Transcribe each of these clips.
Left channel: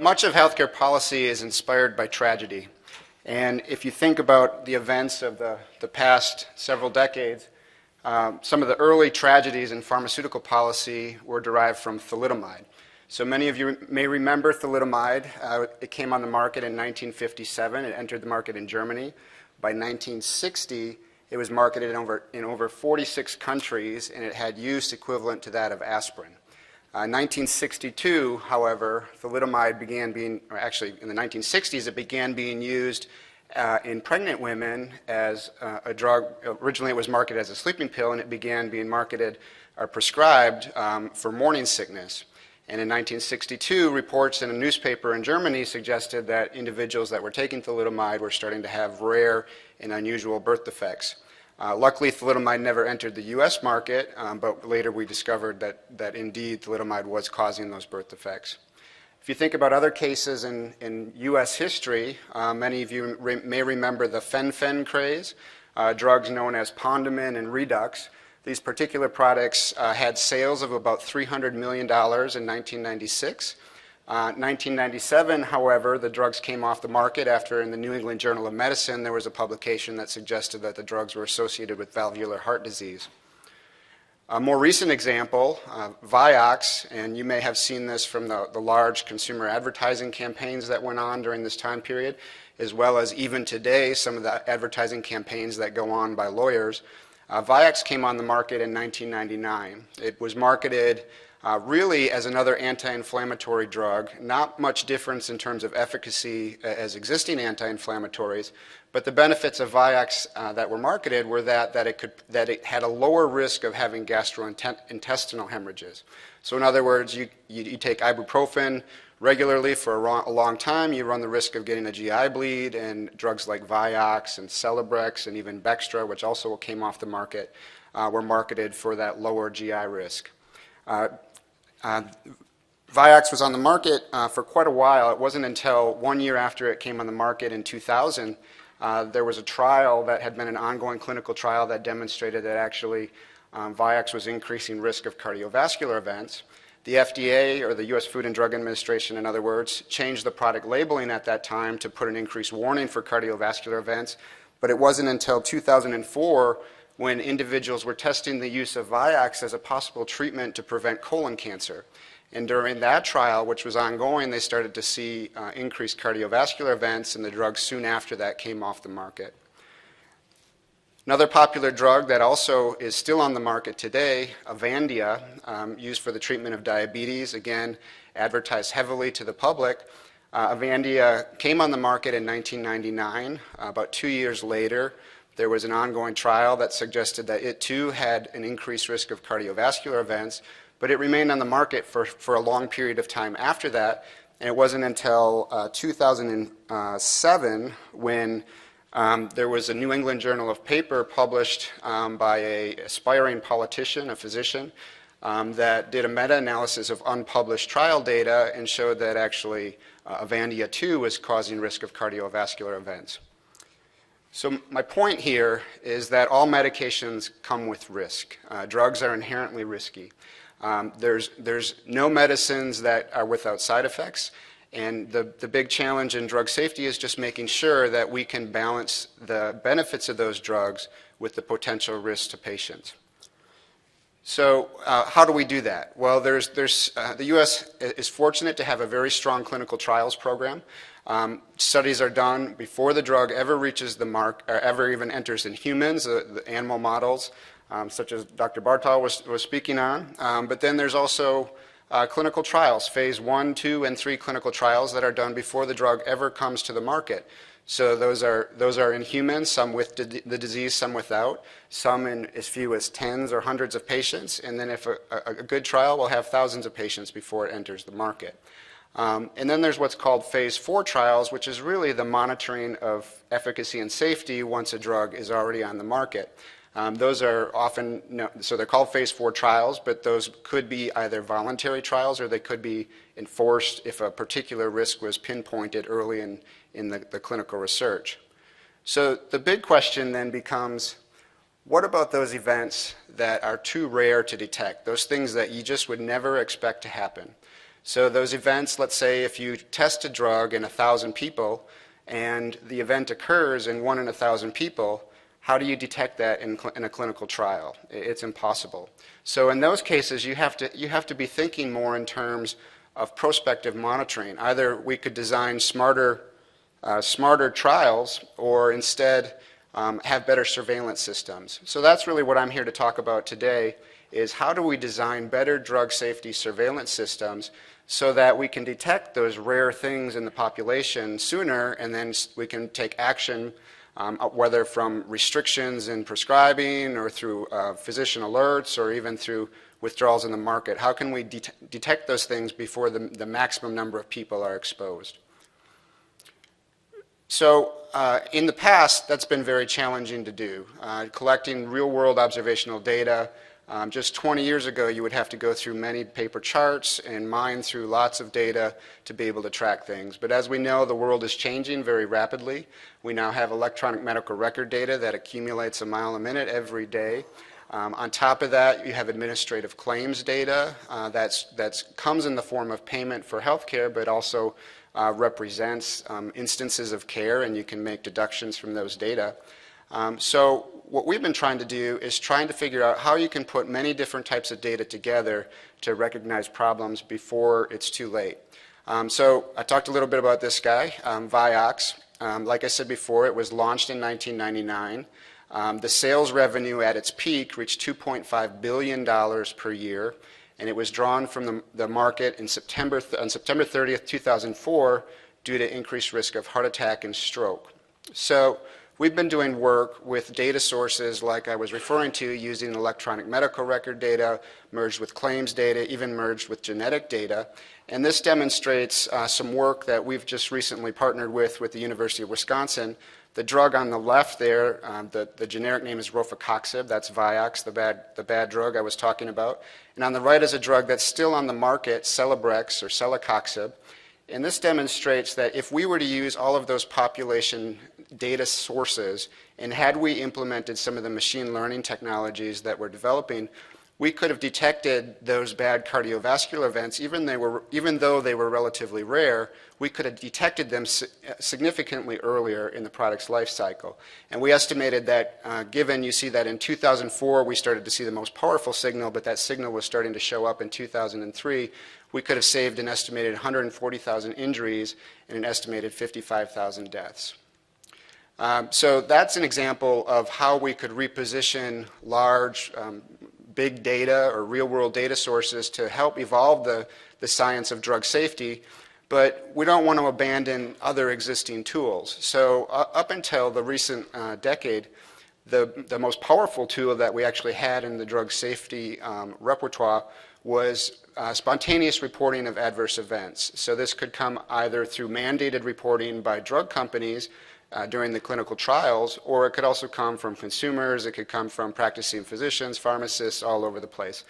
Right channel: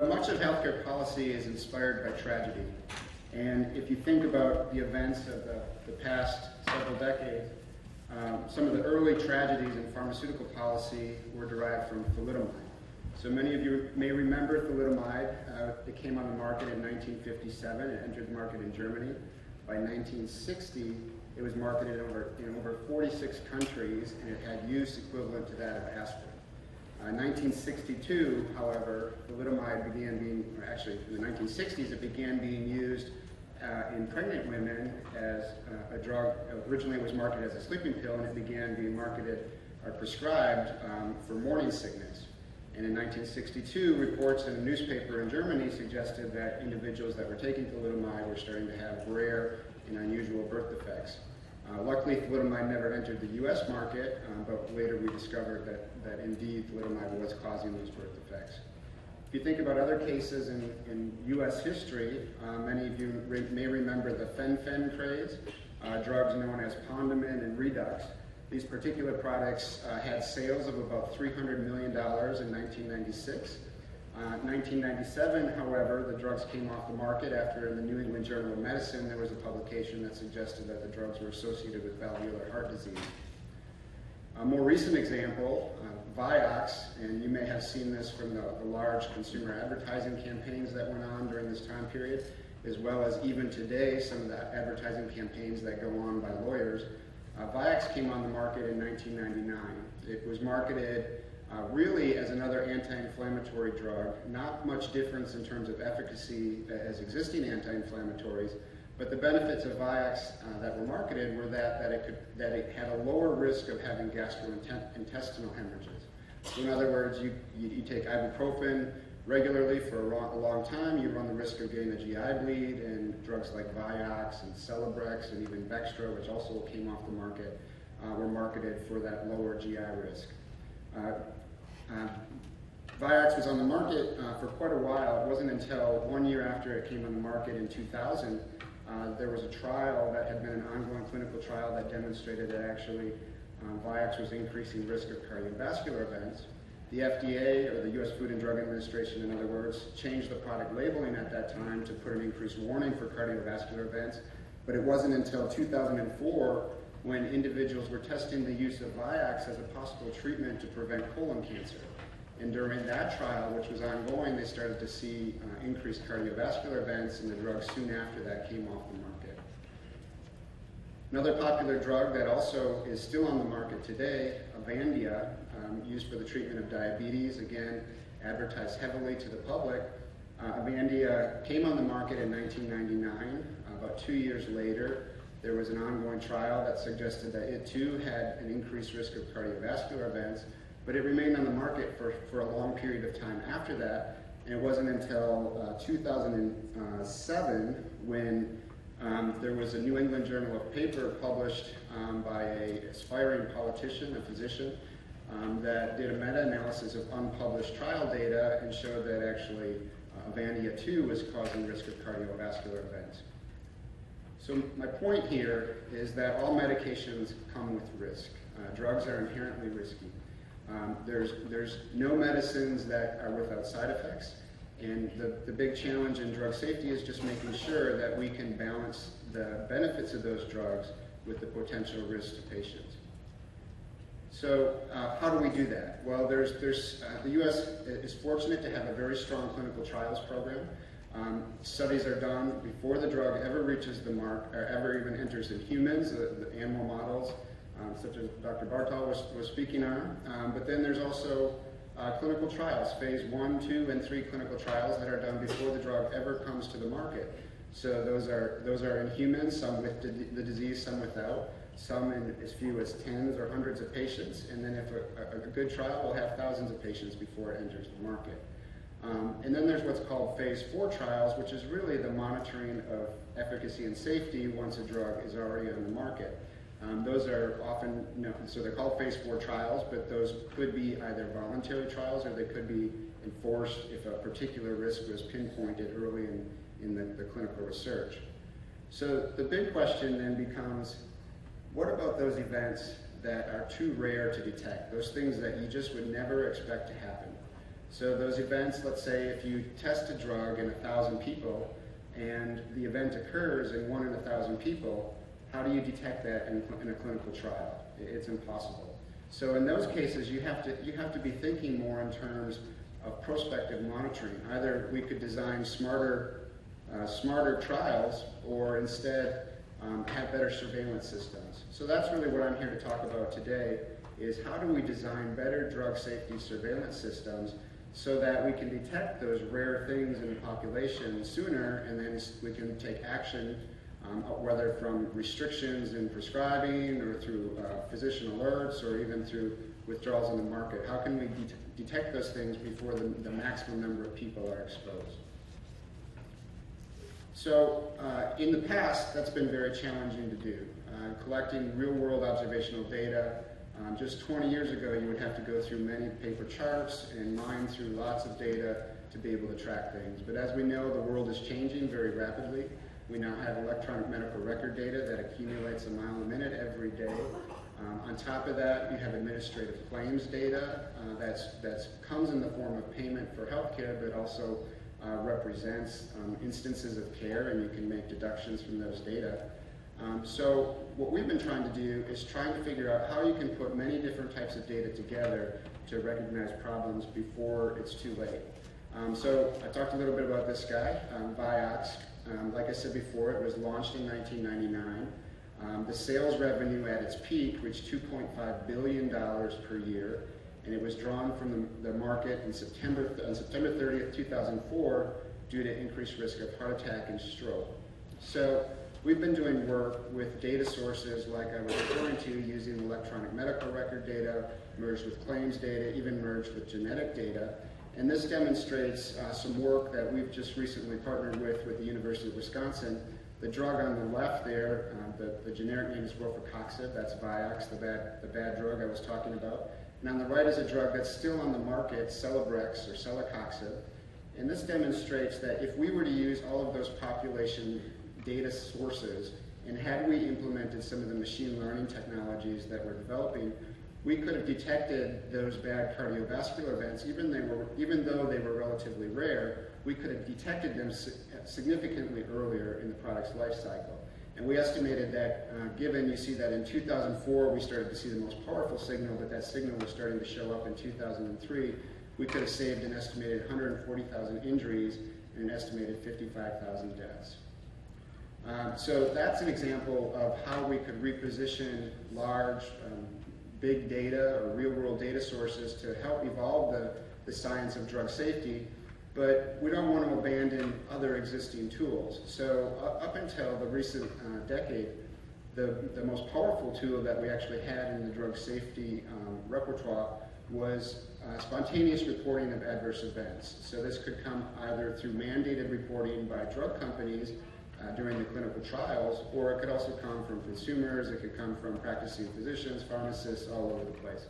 Much of healthcare policy is inspired by tragedy. And if you think about the events of the past several decades, some of the early tragedies in pharmaceutical policy were derived from thalidomide. So many of you may remember thalidomide. It came on the market in 1957. It entered the market in Germany. By 1960, it was marketed in over 46 countries, and it had use equivalent to that of aspirin. In 1962, however, thalidomide began being, or actually in the 1960s, it began being used in pregnant women as a drug. Originally it was marketed as a sleeping pill, and it began being marketed or prescribed for morning sickness. And in 1962, reports in a newspaper in Germany suggested that individuals that were taking thalidomide were starting to have rare and unusual birth defects. Luckily, thalidomide never entered the U.S. market, but later we discovered that indeed thalidomide was causing those birth defects. If you think about other cases in U.S. history, many of you may remember the fen-phen craze, drugs known as Pondamin and Redux. These particular products had sales of about $300 million in 1996. 1997, however, the drugs came off the market after in the New England Journal of Medicine there was a publication that suggested that the drugs were associated with valvular heart disease. A more recent example, Vioxx, and you may have seen this from the large consumer advertising campaigns that went on during this time period, as well as even today some of the advertising campaigns that go on by lawyers. Vioxx came on the market in 1999. It was marketed really as another anti-inflammatory drug, not much difference in terms of efficacy as existing anti-inflammatories, but the benefits of Vioxx that were marketed were that it had a lower risk of having gastrointestinal hemorrhages. So in other words, you take ibuprofen regularly for a long time, you run the risk of getting a GI bleed, and drugs like Vioxx and Celebrex and even Bextra, which also came off the market, were marketed for that lower GI risk. Vioxx was on the market for quite a while. It wasn't until 1 year after it came on the market in 2000, there was a trial that had been an ongoing clinical trial that demonstrated that actually Vioxx was increasing risk of cardiovascular events. The FDA, or the U.S. Food and Drug Administration, in other words, changed the product labeling at that time to put an increased warning for cardiovascular events, but it wasn't until 2004 when individuals were testing the use of Vioxx as a possible treatment to prevent colon cancer. And during that trial, which was ongoing, they started to see increased cardiovascular events, and the drug soon after that came off the market. Another popular drug that also is still on the market today, Avandia, used for the treatment of diabetes, again, advertised heavily to the public. Avandia came on the market in 1999. About 2 years later, there was an ongoing trial that suggested that it too had an increased risk of cardiovascular events, but it remained on the market for a long period of time after that. And it wasn't until 2007 when there was a New England Journal of paper published by an aspiring politician, a physician, that did a meta-analysis of unpublished trial data and showed that actually Avandia too was causing risk of cardiovascular events. So my point here is that all medications come with risk. Drugs are inherently risky. There's no medicines that are without side effects, and the big challenge in drug safety is just making sure that we can balance the benefits of those drugs with the potential risks to patients. So how do we do that? Well, the U.S. is fortunate to have a very strong clinical trials program. Studies are done before the drug ever reaches the mark, or ever even enters in humans, the animal models, such as Dr. Bartal was speaking on. But then there's also clinical trials, phase 1, 2, and 3 clinical trials that are done before the drug ever comes to the market. So those are in humans, some with the disease, some without, some in as few as tens or hundreds of patients, and then if a good trial will have thousands of patients before it enters the market. And then there's what's called phase 4 trials, which is really the monitoring of efficacy and safety once a drug is already on the market. Those are often, so they're called phase 4 trials, but those could be either voluntary trials or they could be enforced if a particular risk was pinpointed early in the clinical research. So the big question then becomes, what about those events that are too rare to detect, those things that you just would never expect to happen? So those events, let's say if you test a drug in 1,000 people and the event occurs in 1 in 1,000 people, how do you detect that in a clinical trial? It's impossible. So in those cases, you have to be thinking more in terms of prospective monitoring. Either we could design smarter trials, or instead have better surveillance systems. So that's really what I'm here to talk about today, is how do we design better drug safety surveillance systems so that we can detect those rare things in the population sooner, and then we can take action, whether from restrictions in prescribing or through physician alerts or even through withdrawals in the market. How can we detect those things before the maximum number of people are exposed? So in the past, that's been very challenging to do. Collecting real-world observational data, just 20 years ago, you would have to go through many paper charts and mine through lots of data to be able to track things. But as we know, the world is changing very rapidly. We now have electronic medical record data that accumulates a mile a minute every day. On top of that, you have administrative claims data that comes in the form of payment for healthcare, but also represents instances of care, and you can make deductions from those data. So what we've been trying to do is trying to figure out how you can put many different types of data together to recognize problems before it's too late. So I talked a little bit about this guy, Vioxx. Like I said before, it was launched in 1999. The sales revenue at its peak reached $2.5 billion per year, and it was drawn from the market on September 30th, 2004, due to increased risk of heart attack and stroke. So we've been doing work with data sources like I was referring to, using electronic medical record data, merged with claims data, even merged with genetic data. And this demonstrates some work that we've just recently partnered with the University of Wisconsin. The drug on the left there, the generic name is rofecoxib. That's Vioxx, the bad drug I was talking about. And on the right is a drug that's still on the market, Celebrex or celecoxib. And this demonstrates that if we were to use all of those population data sources, and had we implemented some of the machine learning technologies that we're developing, we could have detected those bad cardiovascular events, even though they were relatively rare. We could have detected them significantly earlier in the product's life cycle. And we estimated that, given you see that in 2004 we started to see the most powerful signal, but that signal was starting to show up in 2003, we could have saved an estimated 140,000 injuries and an estimated 55,000 deaths. So that's an example of how we could reposition large, big data or real-world data sources to help evolve the science of drug safety, but we don't want to abandon other existing tools. So up until the recent decade, the most powerful tool that we actually had in the drug safety repertoire was spontaneous reporting of adverse events. So this could come either through mandated reporting by drug companies during the clinical trials, or it could also come from consumers, it could come from practicing physicians, pharmacists, all over the place.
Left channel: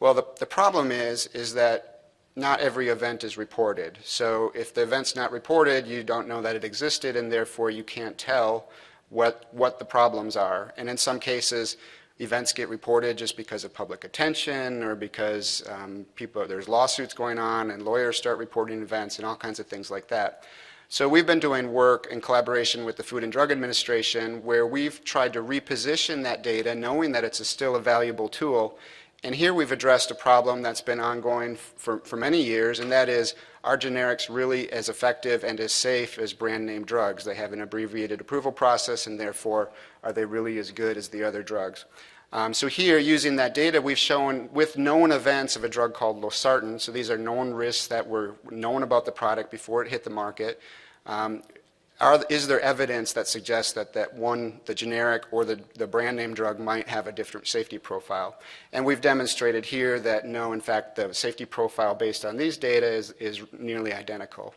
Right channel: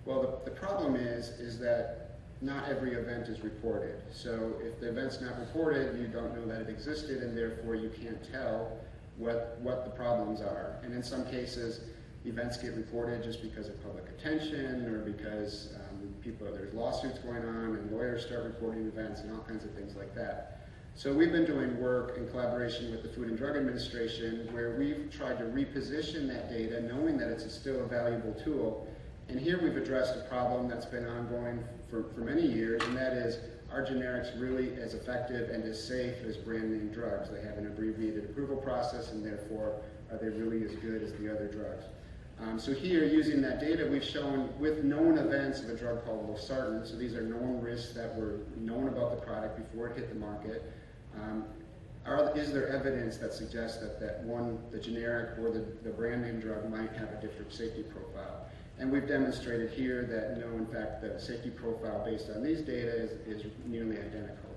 Well, the problem is that not every event is reported. So if the event's not reported, you don't know that it existed, and therefore you can't tell what the problems are. And in some cases, events get reported just because of public attention, or because there's lawsuits going on and lawyers start reporting events and all kinds of things like that. So we've been doing work in collaboration with the Food and Drug Administration where we've tried to reposition that data, knowing that it's still a valuable tool. And here we've addressed a problem that's been ongoing for many years, and that is, are generics really as effective and as safe as brand name drugs? They have an abbreviated approval process, and therefore, are they really as good as the other drugs? So here, using that data, we've shown with known events of a drug called losartan, so these are known risks that were known about the product before it hit the market. Is there evidence that suggests that the generic or the brand name drug might have a different safety profile? And we've demonstrated here that no, in fact, the safety profile based on these data is nearly identical.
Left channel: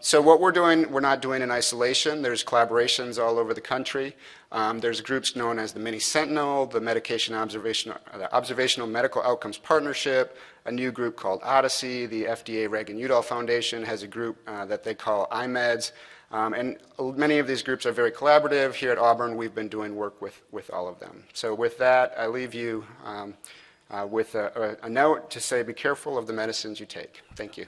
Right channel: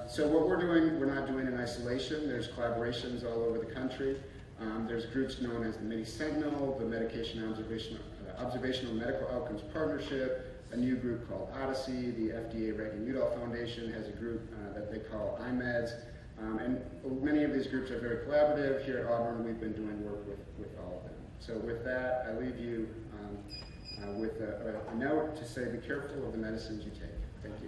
So what we're not doing in isolation. There's collaborations all over the country. There's groups known as the Mini Sentinel, the Observational Medical Outcomes Partnership, a new group called Odyssey. The FDA Reagan-Udall Foundation has a group that they call IMEDS. And many of these groups are very collaborative. Here at Auburn, we've been doing work with all of them. So with that, I leave you with a note to say, be careful of the medicines you take. Thank you.